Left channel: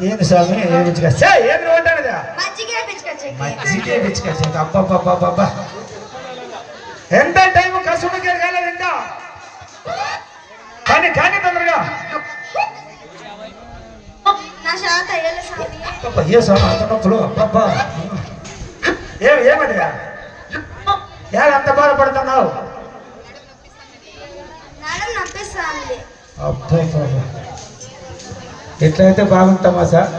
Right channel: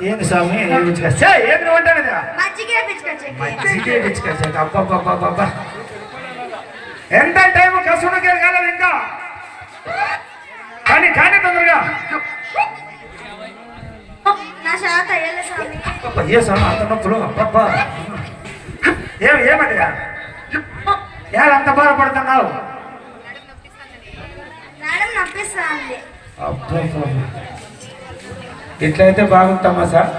ఏంది స్వామి? ఏం పిచ్చుకొచ్చా ఏం నువ్వు అంటాను కదా మజ్జిగ పిచ్చుకొచ్చా అబ్బబ్బబ్బబ్బా. ఎంత టైం కసుడు గెలగాలి ఇంకా? కానీ కానీ తొందరగా. ఏ స్వామి? అంత నొప్పులు? అబ్బబ్బా. ఏం ఏమదిగా ఏ అంత బాధపడుతున్నావు? అబ్బో ఎట్లయితే బాగుంటామా సార్.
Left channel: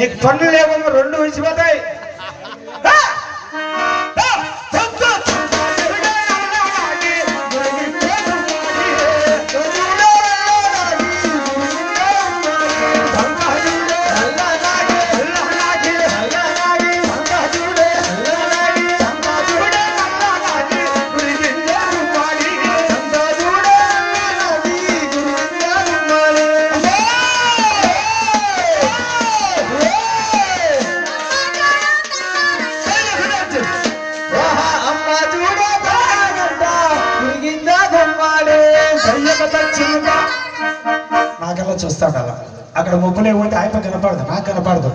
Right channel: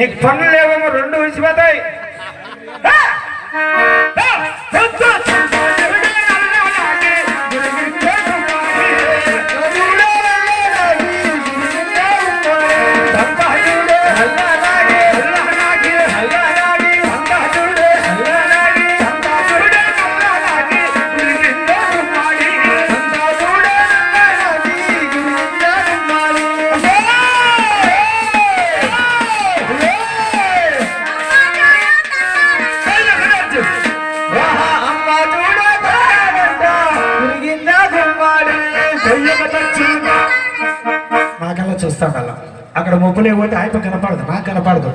నీకు పనులు ఏమో రెండు విడిచిపోతాయి అక్కడ ముప్పులే పోతే ఆయప కనపడదు నాకు కనపడదు.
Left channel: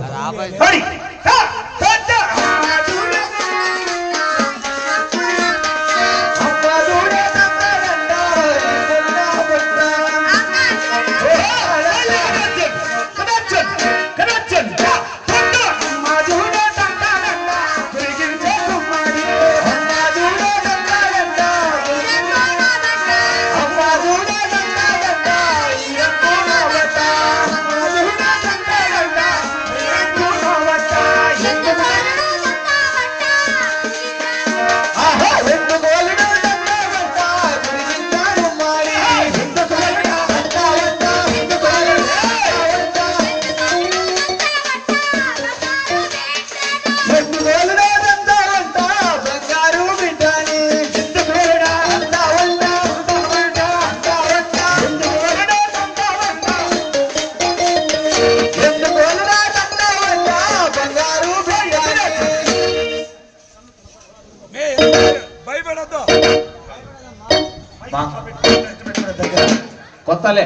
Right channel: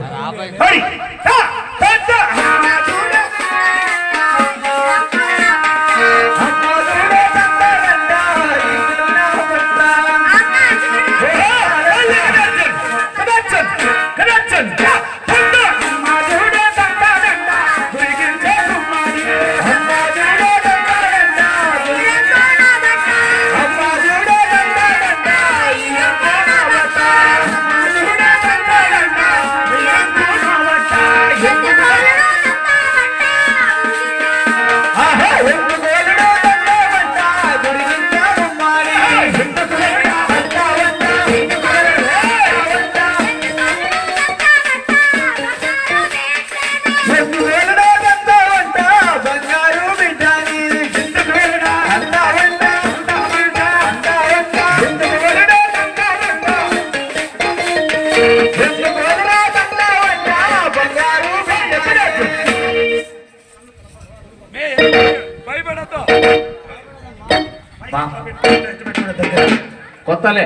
కొత్తలే.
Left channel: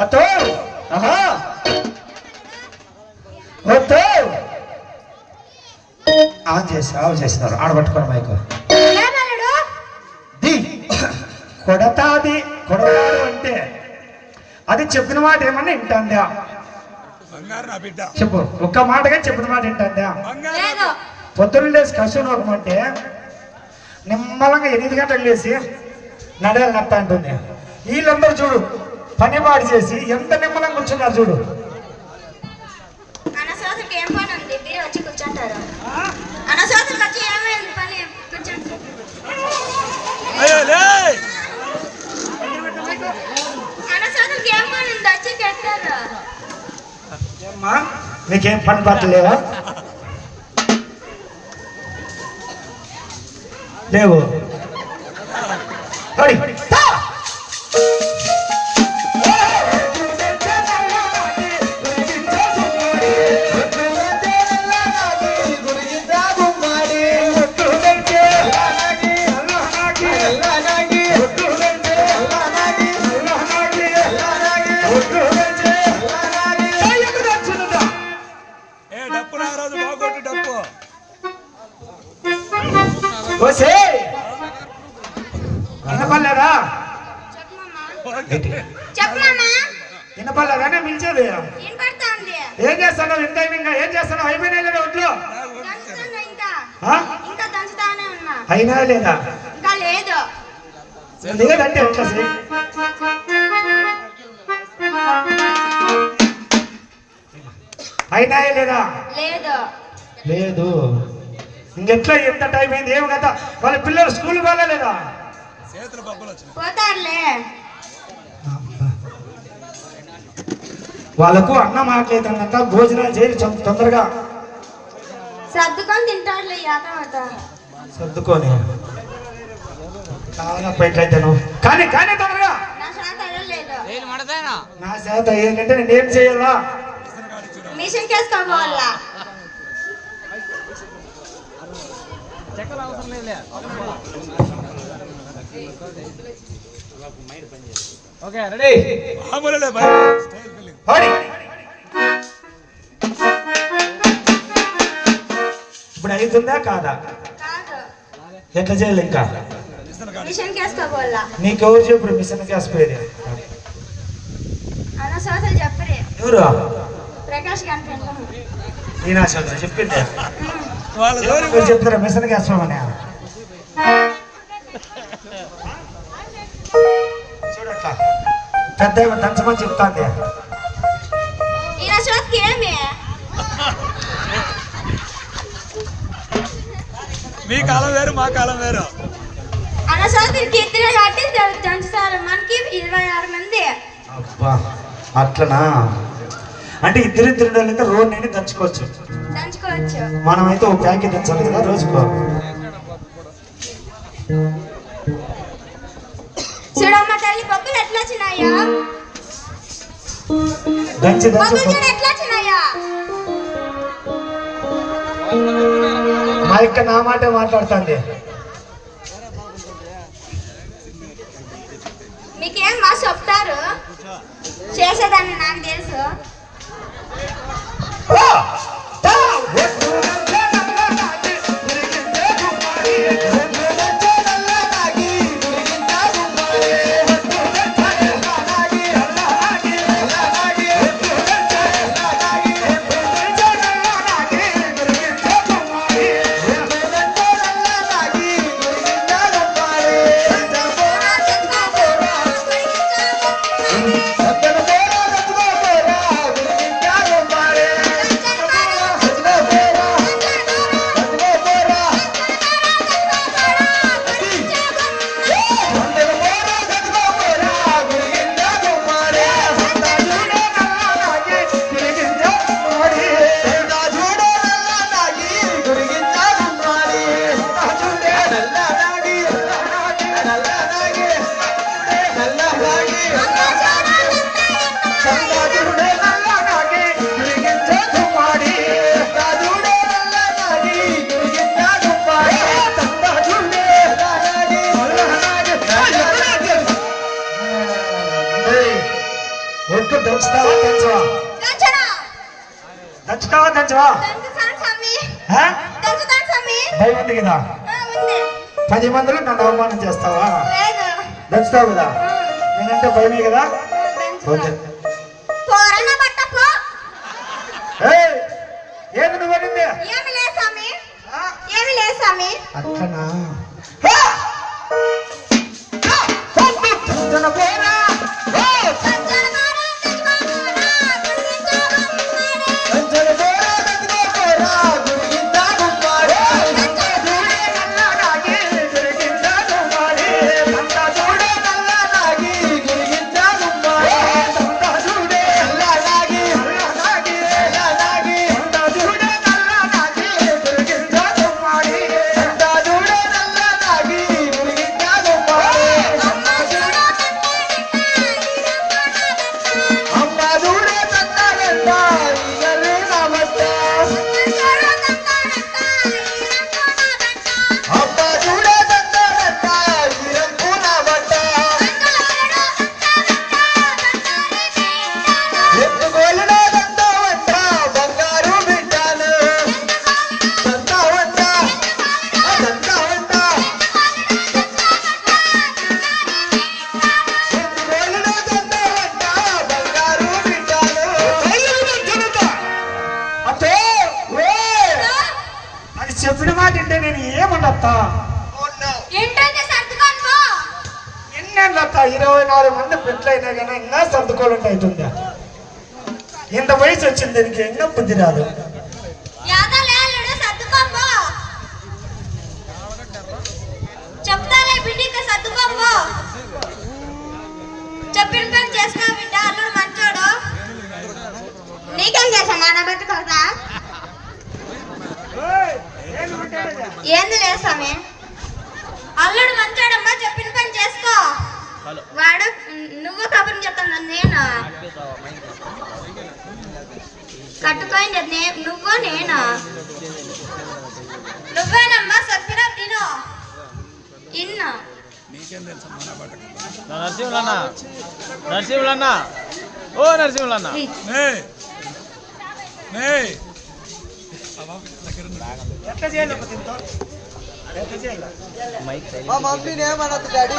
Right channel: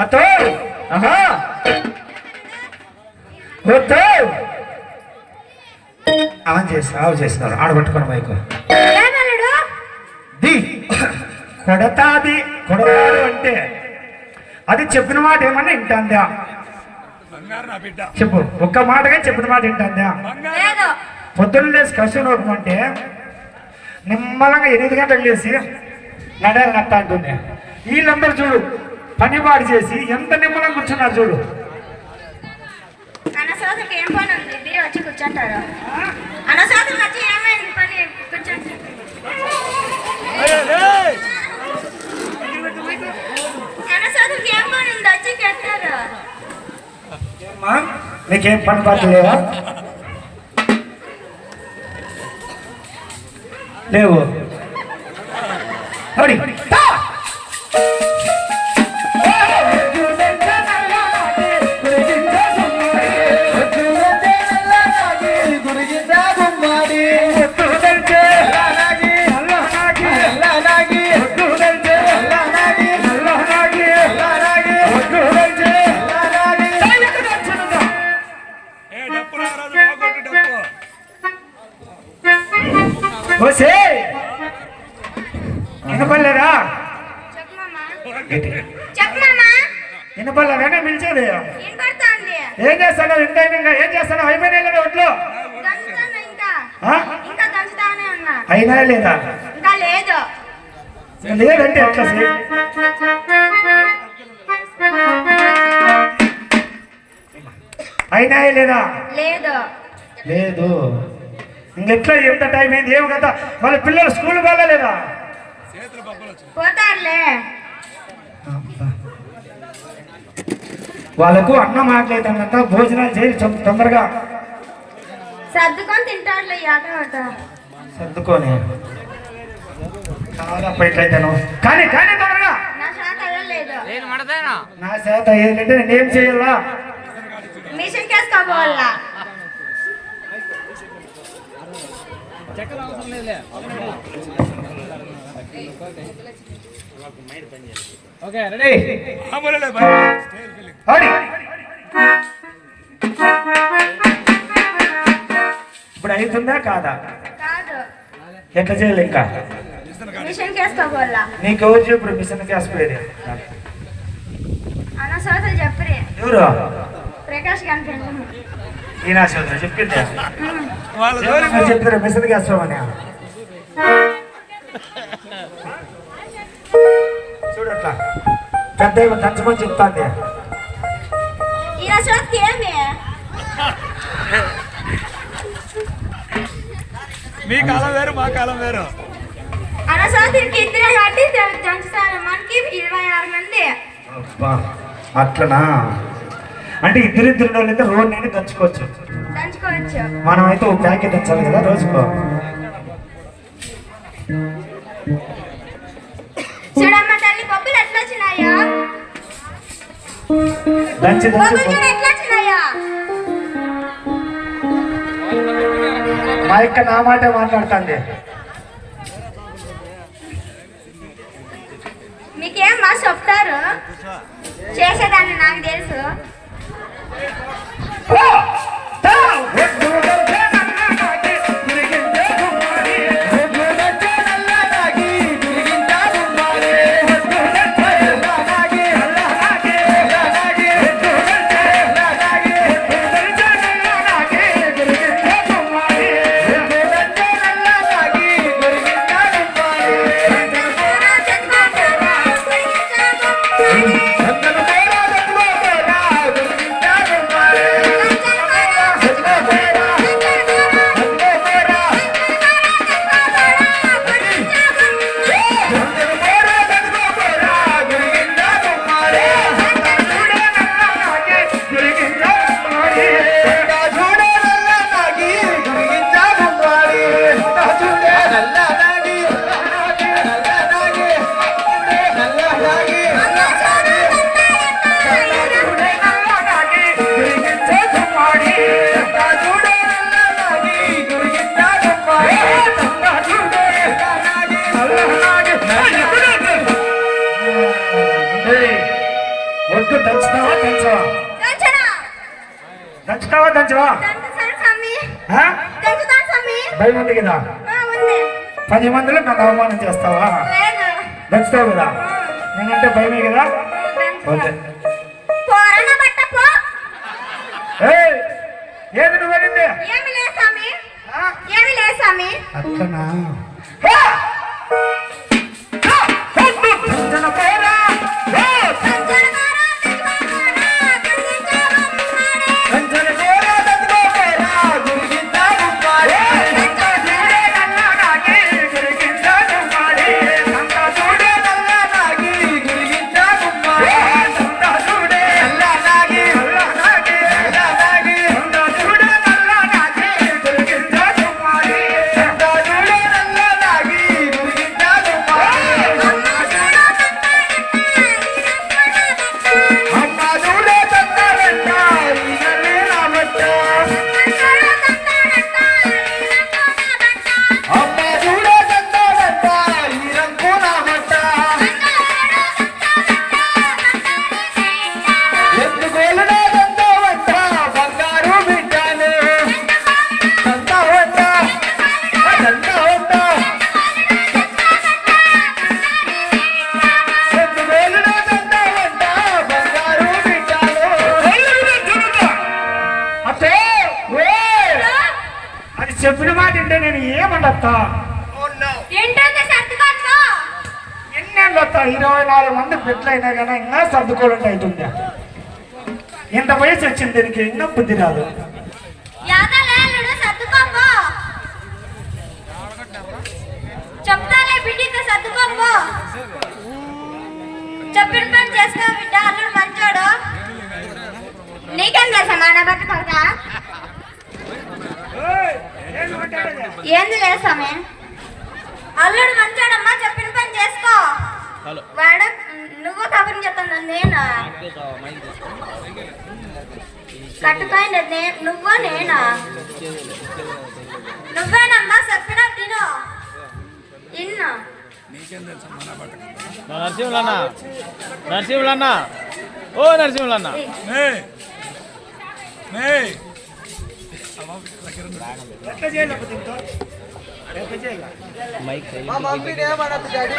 అత్తో ఆహా. వద్దు ఆన్ చేసి ఆఫ్ చేస్తున్నారు ఆడబట్టుకోండి మైకు. ది. కొడతాది. కొడతాడు అంటే అది చెప్పిన మాట ఏమన్నా వింటుందా? బంగారు నా బిడ్డ. చెప్పు. ఒక్క మాటగా చెప్పిన మాట వింటుందా? పొద్దున్న లేసి కష్టం అంటే నిమ్మలంగా ఎనిమిది గంటలకు లేసి నడాలి నట్ట అంటుంది. వీళ్ళందరూ చూడు పని పాడు చేసి ఎంత నిమ్మలంగా కూర్చున్నారు చూడు. ఏం పని ఉంది? చెప్పమ్మా వినపడగానే పిలిచేది ఏం చేస్తాడు ఎంత ఇంకా ఏం చేస్తాడు అయిపోయినా లేదా ఒట్లో? అయినా లేదా? లేదంటే ఎట్లా? అయినా లేదా? లేదు. లేదు. ఇంకెట్లా ఎంత టైం అయింది? ఏం కదా వాళ్ళ పిల్లలు స్కూల్ వాళ్ళ లేదా? చేతులు వాళ్ళకు అన్నం ఆకలితుందంట భోజనాలు చేయి తొందరగా. సర్దుకొని కానీ కానీ తొందరగా. నా చేత ఏంటంటే నేనేం చేయాలా? మిషన్ కేసుకోవాలా ఓకే రెడీ మామూలులే బాయ్ స్టైల్ ఫీలింగ్ ఆడి ఇప్పుడు అవుతుందా కాదా? కాదు. ఎట్లా చేయాలి ఇంకా? నీకు ఎవరు చెప్పు మిషన్ గ్యాస్ పోయేది అనవసరం చెప్పరే. ఎవరు? ఈయన చెప్పింది వాళ్ళ జోలి ఎవరు చెప్తారా మిషన్ అని చూడట్లా పెద్ద దంచమని చెప్తాంది. మీ కాలం వేరు మా కాలం వేరు. అట్లనా? అంటే ఇద్దరిద్దరు వాళ్ళైతే రోడ్ నుండి దంచుకోవచ్చు. దంచుకోవచ్చు. మనం అయితే ఒక ప్యాకెట్ దంచాలి కదా రోజుకో. చూడమ్మ తల్లి బొబ్బులు ఎట్లా వచ్చినాయో? దంచి బొబ్బులు దంచి చూడు ఎట్లా వచ్చినాయో? మా యొక్క నా మాట మాట్లాడుతుంది. మీకేం మా చెప్తారు? చేసేదాన్ని నాకు తెలుసు. నన్ను అవమానం చేస్తావా? లేదు? దంచుతావు కదా? నేనంటే భయమే కదా? ఏది నువ్వు అట్లనా? ఇంత వయసు వచ్చింది దీనికి ఇంకా బుద్ధి రాదు. చెప్పిన పని బిడ్డ అల్లుడు మంచోడు. నీకేం తెలుసా నాన్న పట్టుకోదా ఏంది లేసామే అల్లుడు మంచోడమ్మా చెప్పిన పని చేసుకో. వాడు నువ్వు కబుర్ని చెప్తాను నేను? నువ్వు నేనా? నువ్వేనమ్మా చెప్పిన తిను. ఇన్ను నరసింహులన్న నరసింహులన్న. ఓ నరసింహులన్న? ఎట్లా చేయాలి మా మమ్మీని ఏమన్నది డాడీ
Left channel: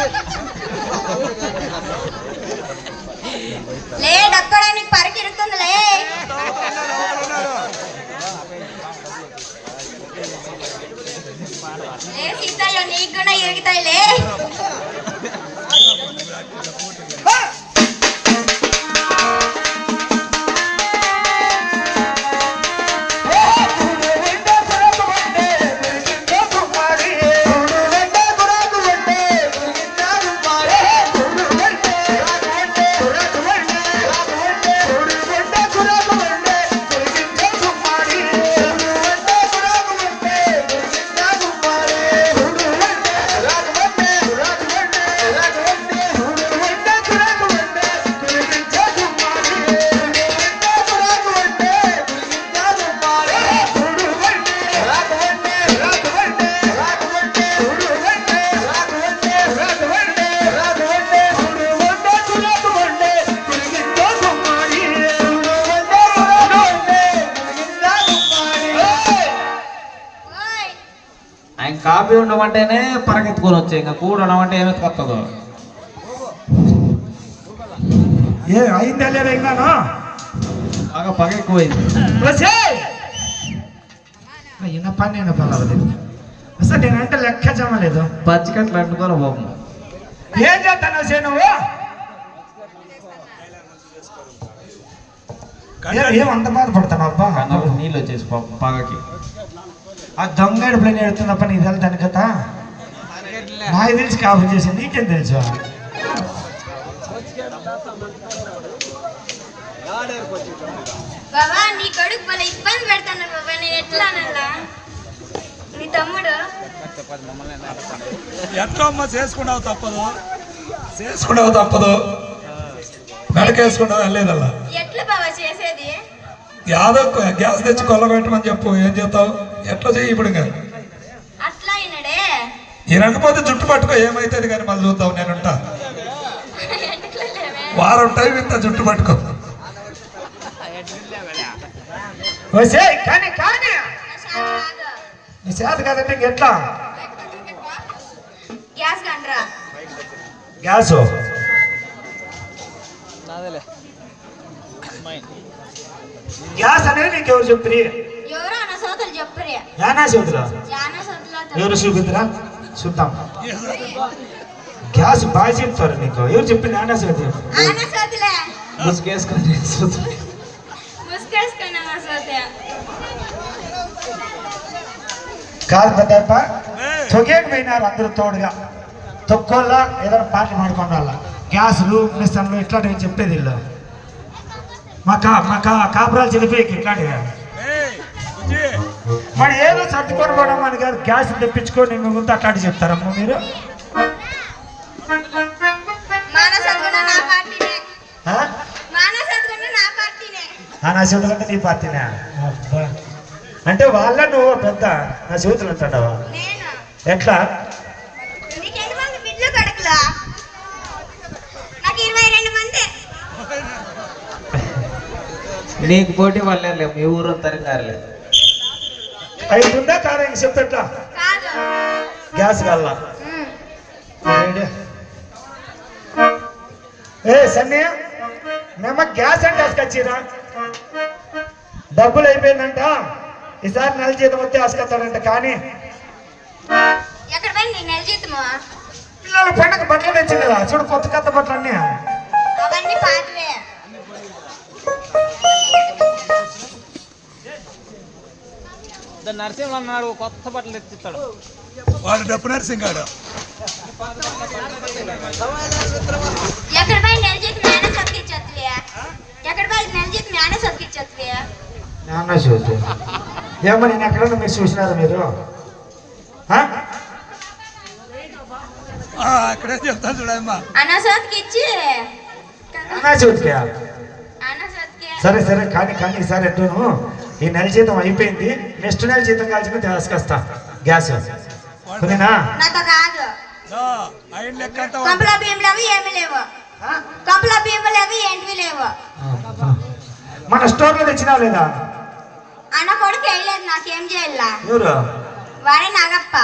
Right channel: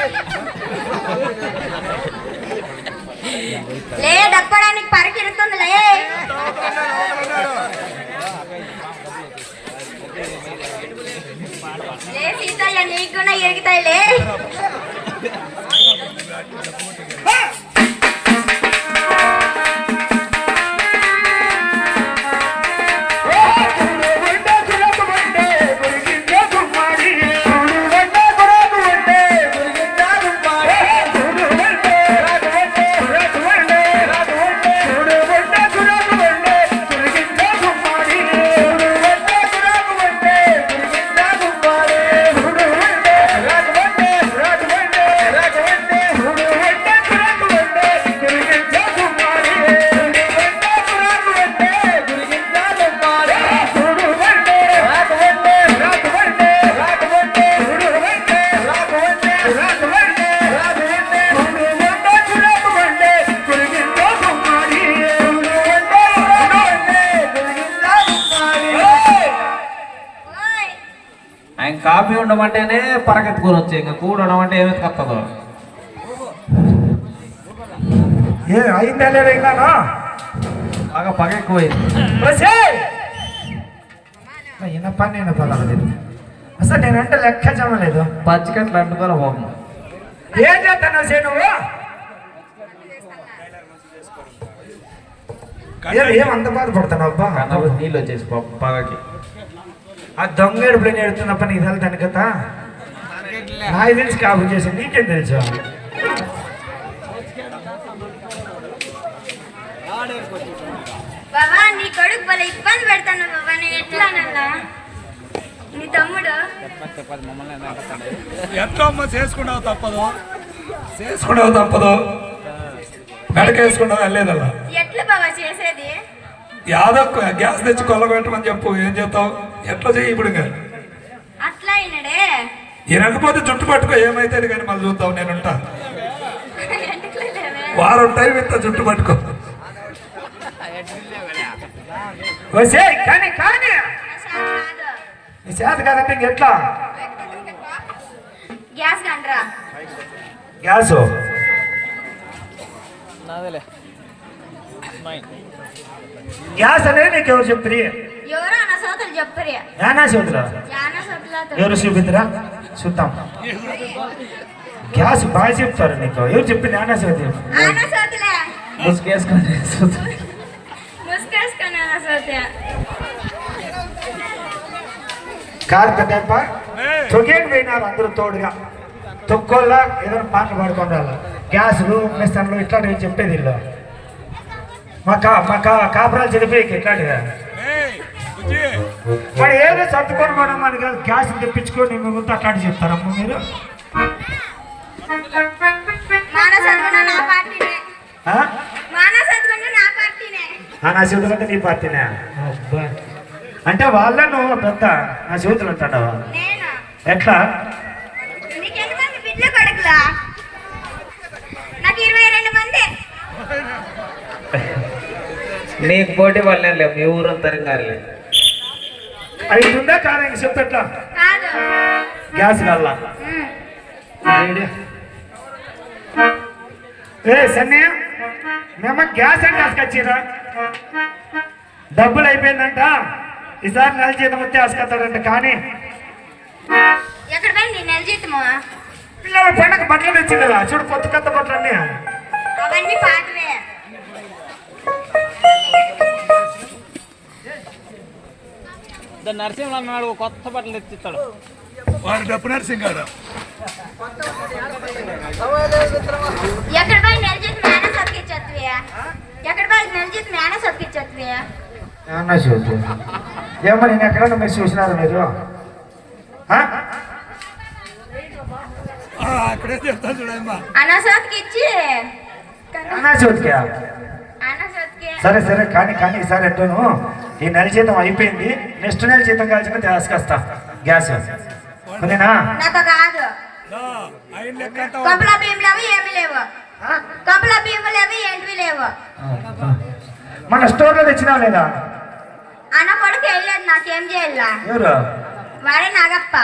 లే డప్పడానికి సీతయ్య నీకు కూడా ఎరుగుతాయి లే కూడడం అంటే ఏమెత్తుకొస్తుందో ఏ అయిందా లేదా ఇంకా బాగా పగ ఎక్కువైంది. పని నేను పర్వాలేదు అసలు నేనంటే లెక్క జమలేదు. పచ్చికట్లు అంటుకోవాలి బాబు. ఏం చేస్తాను సే నువ్వు? ఏ- ఏం అంత బాధపడతాను అబ్బా? నీళ్ళు వచ్చేసి పాపం పగకి. ఆ దొంగ ఎడుపులని ఎడుతున్నప్ప నీకు వెళ్తాను కదా? నాకు తెలిసి కాపు చేసి నీకేం తెలుసు? బాబా నీ కొడుకు భలే ఇబ్బంది పెడతాను బాబా నేను ఎట్లా అనాలా? నీ తమ్ముడు? ఎట్లా అమ్మ చేసుకున్నావు తప్పదు. చేసుకున్నావు తప్పదు. మెడకేసుకున్నావు వెళ్ళలేదల్లా. ఎట్లా బాబా చేసేది? యాదో గ్యాస్ తెచ్చి కొలబెట్టమని చెప్పు ఏం చేస్తావు? ఎట్లా చెయ్యి ఇప్పుడు అయినడే ఈ రంగపోతే జుట్టు పట్టుకో ఏమైతుంది కానీ మళ్ళీ చూద్దాం నేనుంటా. వారం టైం ఇంత జుట్టు పట్టుకో. వసే కానీ కానీ. చేత కదంటే ఎట్లా గ్యాస్ గ్యాస్ నాదేలే. గ్యాస్ అనేది నీకు ఎవరు చెప్తారు ఎవరో సోదరు ఎవరు చూపిద్దురా చూద్దాం. గ్యాస్ బాగా చెప్తారు నీకు. ఎవరు చెప్పింది సోదలే. ముసుగేసుకొని కాదు పెద్దప్ప తొగేకి పోయినారు అందరూ తోడుగా. తొక్కోళ్ళ ఏదైనా పాటలు పాడుకోండాల. గ్యాసులు మిషన్లు ఇట్లాంటివి చెప్పేది ఇల్లు మా కా మా కా కాపురాలు చెడిపోయి ఇట్లాంటివి మరి ఏదో సర్దుకొని పోవడం అని కాదు గ్యాస్ తెప్పించుకొని మీ ఊరితో అట్లాంటి చెప్తారమ్మా మీరు. కూడా నా కూడా చేతులు అంటే నీ పార్టీనే. అంటే వాళ్ళే నువ్వు పెద్ద నా చేతులు నేను? ఎట్లా? నాకు పోటీ వాళ్ళే లేవు మీ ఊరు తరంగారులే అది ఉందా కాదని చెప్తట్లా? కాదు. గ్యాస్ ఉమ్. ఏ సన్నీ మేము గ్యాస్ అంటే తీసుకొచ్చిరా డబ్బులు అయిపోయిందంట. ఈసారి నెల జీతం వస్తే ఆసుకొస్తాడంట కానీ పిల్లల పండుగ బట్టలు తెచ్చి కదా చూడు కొత్త కొత్త బట్టలు అన్నీ పాతవే నరసింహ అన్నాడు కొత్త బట్టలు తెచ్చిస్తాడు. వాడు డప్పు ఎక్కడ మేనే సతికిచ్చేస్తుంది ఎక్కడ పోయి నెల జీతం మేనే నాన్న చూసి ఏమో నేను ఎక్కడన్నా మీరు చూసినారు మీరు? అక్కడే చెప్తాను చూడమ్మా. అన్న సతికిచ్చి. సరే సరే కానీ కానీ ఈసారి ఎట్లను ఈ నెల జీతం అయిపోయింది. నెక్స్ట్ నెల జీతం కాల్చిన తీసుకొస్తా గ్యాస్. అంతా కంపల లేవు ఏమీ లేవు. కంపల లేవు ఏంటివి లేవు. మన స్టోర్లో తెచ్చినా లేదా? అన్న కొడుకు వేయలేదు నాకేం చేయాల? ఎవరు? వాడే నాగప్ప?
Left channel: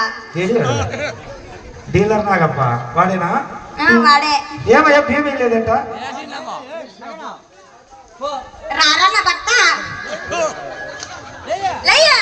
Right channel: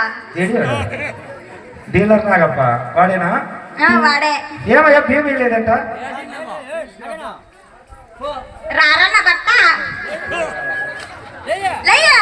డీలర్ నాగప్ప. వాడేనా? ఆ, వాడే. ఏమయ్యా భీమి లేదంట? రారా నా భర్త లేయ్యా.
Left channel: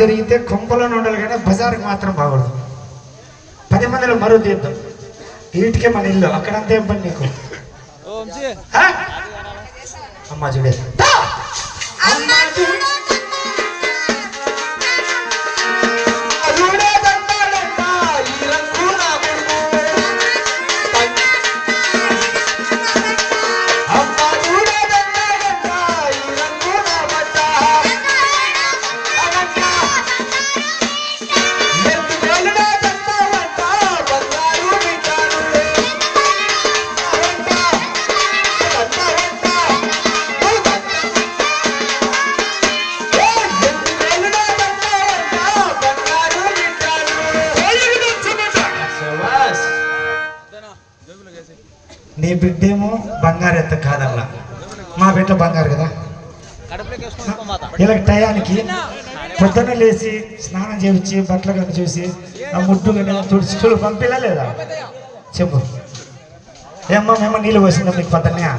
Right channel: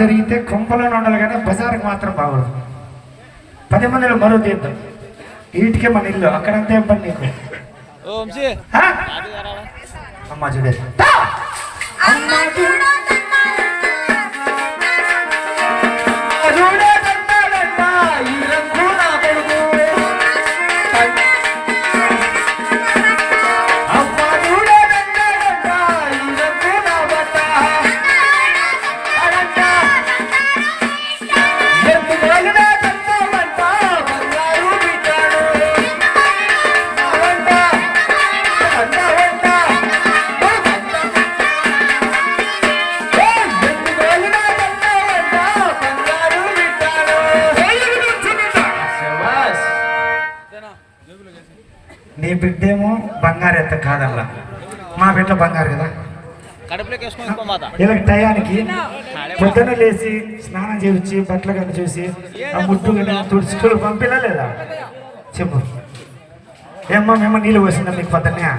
జరిగితే కొంపలోనే ఉండాలి కానీ బజార్కి మాత్రం బాగోదు. పది మందిలో మరో తీద్దాం. వీటికే మన ఇల్లు అక్కడంతా ఏం పని నీకు? అమ్మా చూడే. ఇలా టయానికి పొద్దున్న లేచి స్నానం చేయించి బట్టలు కనుక చూసి ఆ ముడ్డు కనుక తుడిచి పంపిలా లేదా? చెప్పు. ఏమ్మా మేము నీళ్ళు పోసిందా మీకు పొద్దున్నే?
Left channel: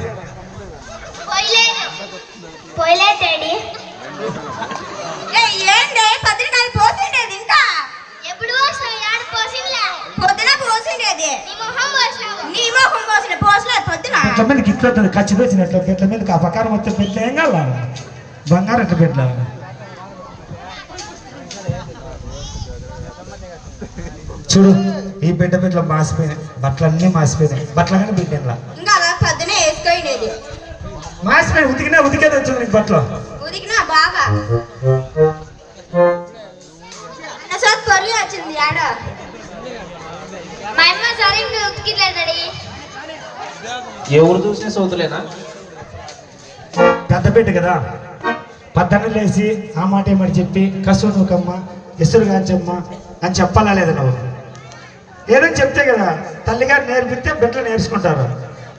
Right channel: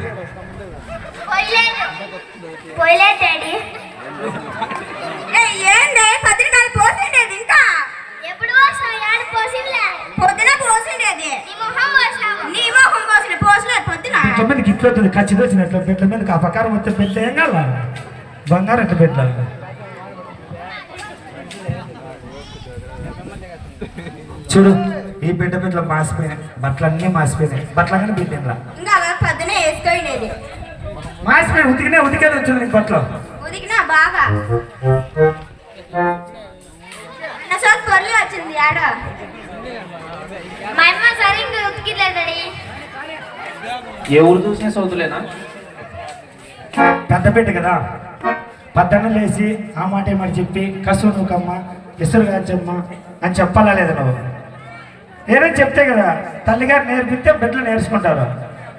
ఇట్ల ఖర్చు వచ్చినట్లు బిడ్డ మీద ఆ ప్రకారం వస్తే ఏం కావాలా? బంగారు ఎట్లా బిడ్డ చూడు ఈ బిడ్డ బిడ్డలు మాసిపోయినాయి బట్టలు అన్నీ మాసిపోయినాయి. బట్టలు అన్నీ బిడ్డ ఇంకా అలా పొద్దున వేసుకోండేది మాసిపోయి ఉతికినా ఉతికేది వచ్చింది నీకు బట్టలు? వచ్చింది ఆడ. మా అమ్మ సరిగ్గా ఎవరు చూసిన సోతులేనా పెద్ద బిడ్డ కదా? పద్దన్న లేచి ఆ మాట ఏమని చెప్పి కసురు నుకమ్మ ఎసురు కాంచమ్మ అని చెప్పాలా లేదా నువ్వు ఏదైనా చెప్తే కదా తల్లిగారు నేర్పిస్తే బిడ్డలు నేర్చుకుంటారు.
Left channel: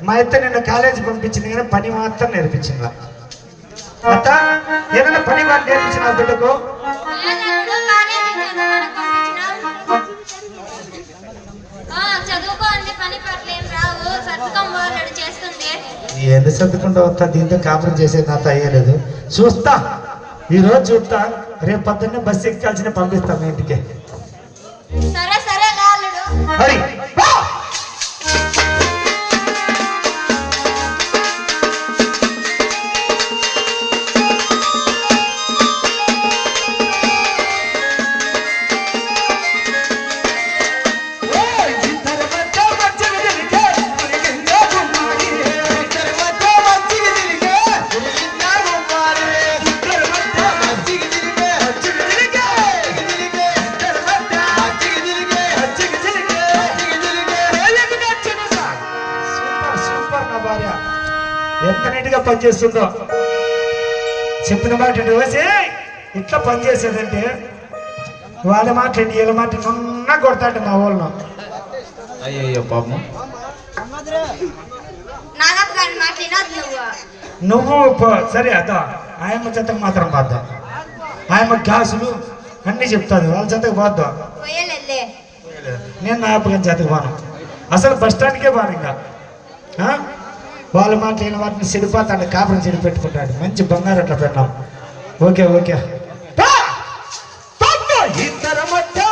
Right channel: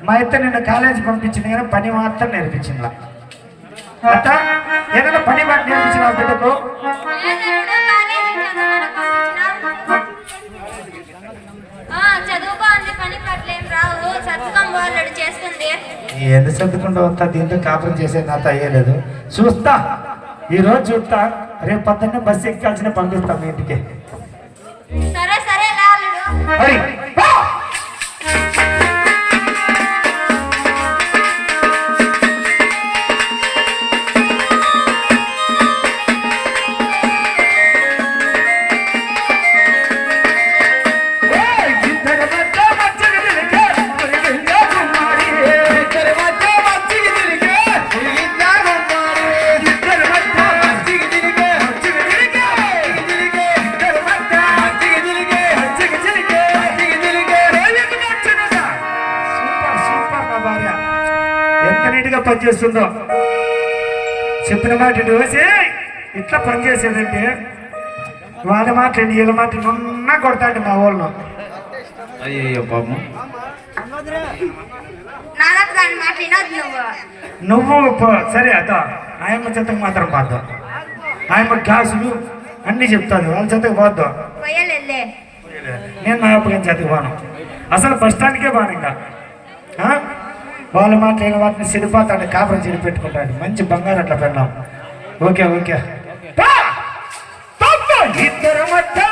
మా అయితే నిన్ను కాలేజీ పంపించింది కానీ పని మాత్రం నేర్పించింది? అట్ట ఏదైనా పని మాట నేర్పించిన బిడ్డకు? చదువుకో అంది పని పట్లేం రావు. సత్తుకం వాళ్ళడు చేస్తుంది. ఏది చదువుకుంటూ వస్తా దీంతో కాపురం చేసేది నాతో అయ్యలేదు చూస్తా. ఈ రోజు చూస్తా. రేపు పొద్దున్నే బస్సు ఎక్కాల్సిన పంపిస్తాం మీ ఇంటికి. సరే సరే చెప్పిన మాట ఇటు వేసి ఇట్లా పనిచేసేదంటే వాళ్ళ మాట వీళ్ళ మాట నన్న కొడతాడు మా ఊళ్ళో. అయ్యయ్యో పాపం. నువ్వు. సరే అత ఆయమ్మ చెత్తకు మాత్రం పోద్దాం. ఆయమ్మ గ్లాసులు అన్నీ చెప్తాను వాళ్ళ చెత్తకు పోద్దాం. నేను నా అప్పగం చెత్తకు పోను. అసలు బస్ స్టాండ్కే పోను ఇంకా. ఆ? వాళ్ళు మాట్లాడిన వాటిని చెడిపోతాడు కాపురం చెడి పెట్టుకుంటాడు మంచి బంగారు అట్లా పెడదాం. ఓకే ఓకే పా! తొంభై